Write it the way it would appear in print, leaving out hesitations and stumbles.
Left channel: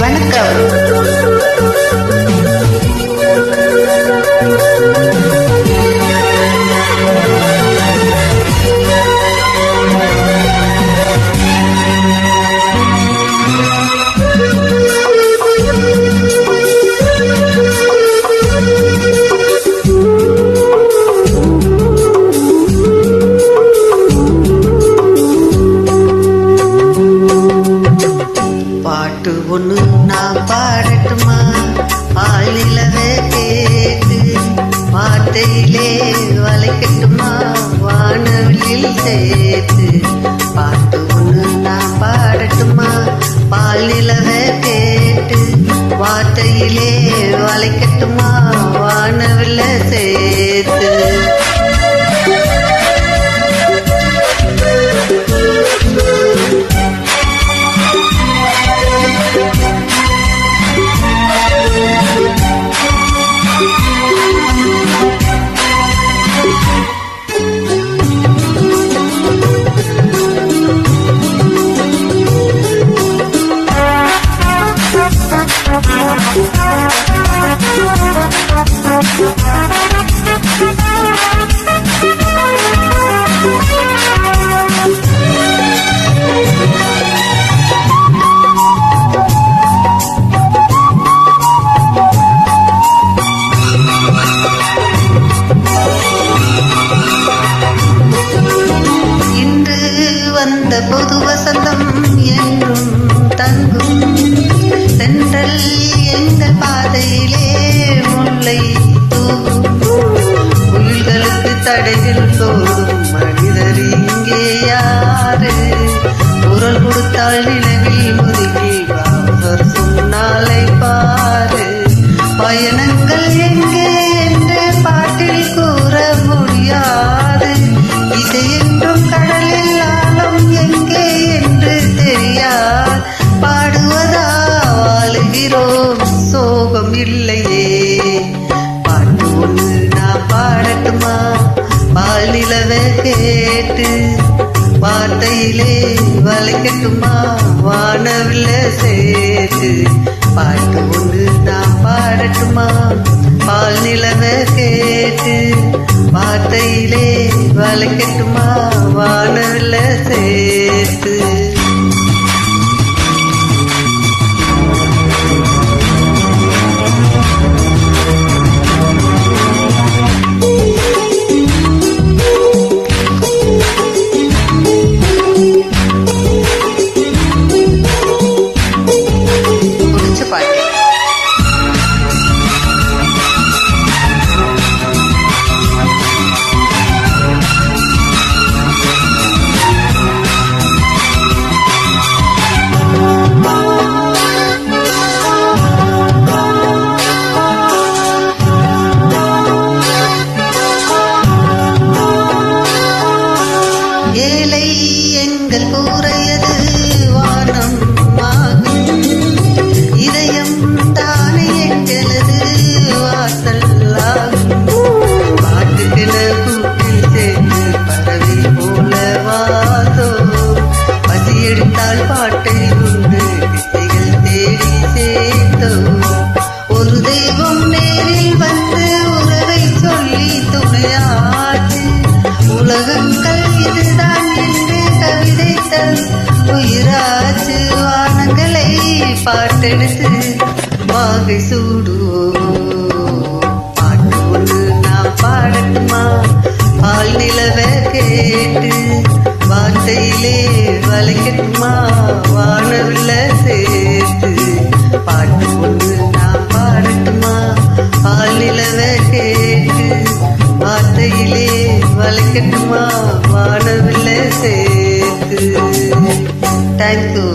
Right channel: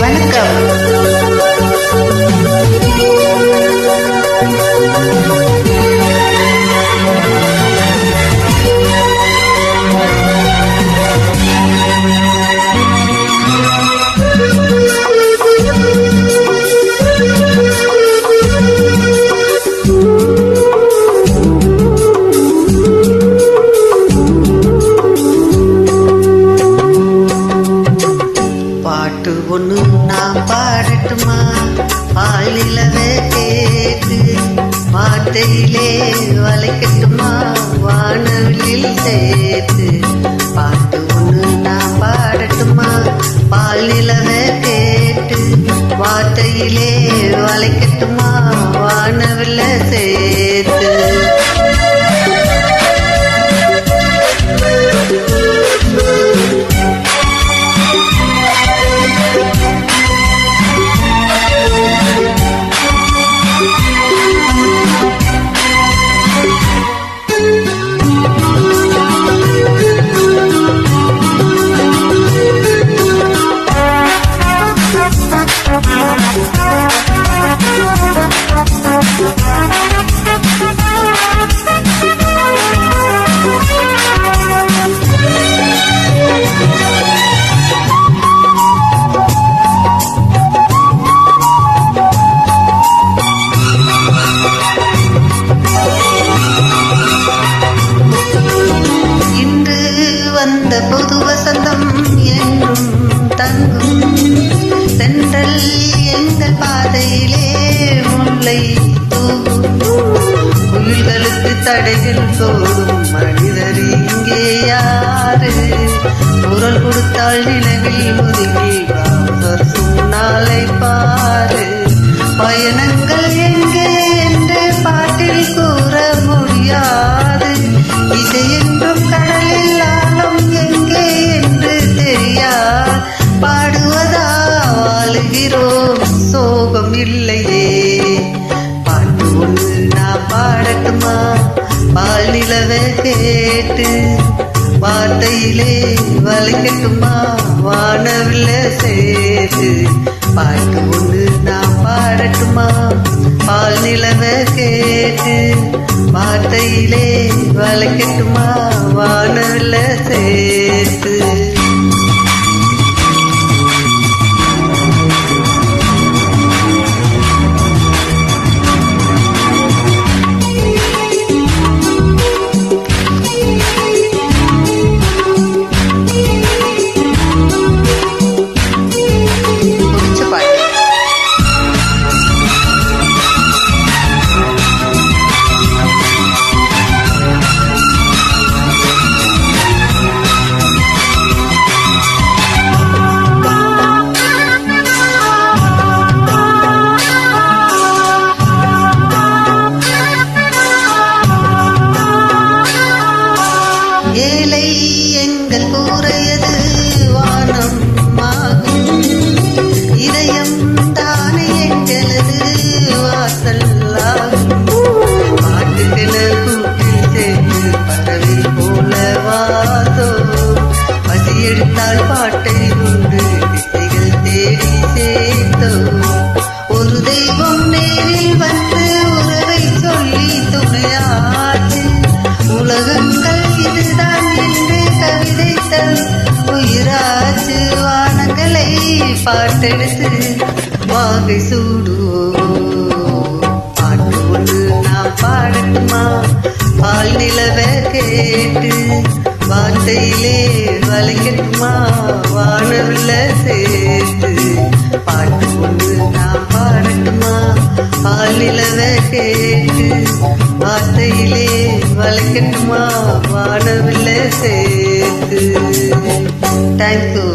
வணக்கம். பாட்டு ஒண்ணு நான் பாடட்டுமா? பால் நிலவே கேட்டு வார்த்தையிலே வளைக்கட்டுமா? வானவில்லில் சேர்த்து பாட்டு ஒண்ணு நான் பாடட்டுமா? பால் நிலவே கேட்டு வார்த்தையிலே வளைக்கட்டுமா? வானவில்ல சேர்த்து இன்று வந்த புது வசந்தம் என்றும் தங்கும் தென்றல் எங்கள் பாதையிலே முல்லை தூவும் புயல்களுக்கு தடைகள் போடும் மனிதர் இங்கே யாரு? குரல் கொடுத்தால் நிலவில் முதுகி வாசர் சொன்னாலை பாரு. பயணங்கள் எங்கே என்று பாட்டில் கூற முடியாது. இசை என்றும் கடலில் ஆழம் எங்கே என்று தெரியாது. பாடுவதா வாழுகிறோம், சோகம் இல்லையே. பாட்டு ஒண்ணு நான் பாடட்டுமா? பால் நிலவை கேட்டு வார்த்தையிலே வளைக்கட்டுமா? வானவில்ல சேர்த்து பாட்டு ஒண்ணு நான் பாடட்டுமா? பால் நிலவை கேட்டு வார்த்தையிலே வளைக்கட்டுமா? வானவில்ல சேர்த்து பாட்டு. ஏழை எங்கள் கூரையது வானம் ஆகும், இதயம் தானே எங்களது வாசல் ஆகும். பாட்டுக்கென கூட்டில் சேர்ந்து பறவை போல வாசோ, பசி எடுத்தால் பாட்டை உண்டு திசைகள் தேடி சேர்த்தோ. ஒரு தெய்வம் நேரில் வந்து உறவை சொல்லி துணையாச்சு. உலகங்கள் இதுதான் என்று கவிதைத்தல் உயிராச்சு. வானங்களை பாட்டெடுத்து வாகை சூடுவோம். பாட்டு ஒண்ணு நான் பாடட்டுமா? பால் நிலவை கேட்டு வார்த்தையிலே வளைக்கட்டுமா? வானவில்ல சேர்த்து பாட்டு ஒண்ணு நான் பாடட்டுமா? பால் நிலவை கேட்டு வார்த்தையிலே வளைக்கட்டுமா? வானவில்ல சேர்த்து. தேங்க்யூ.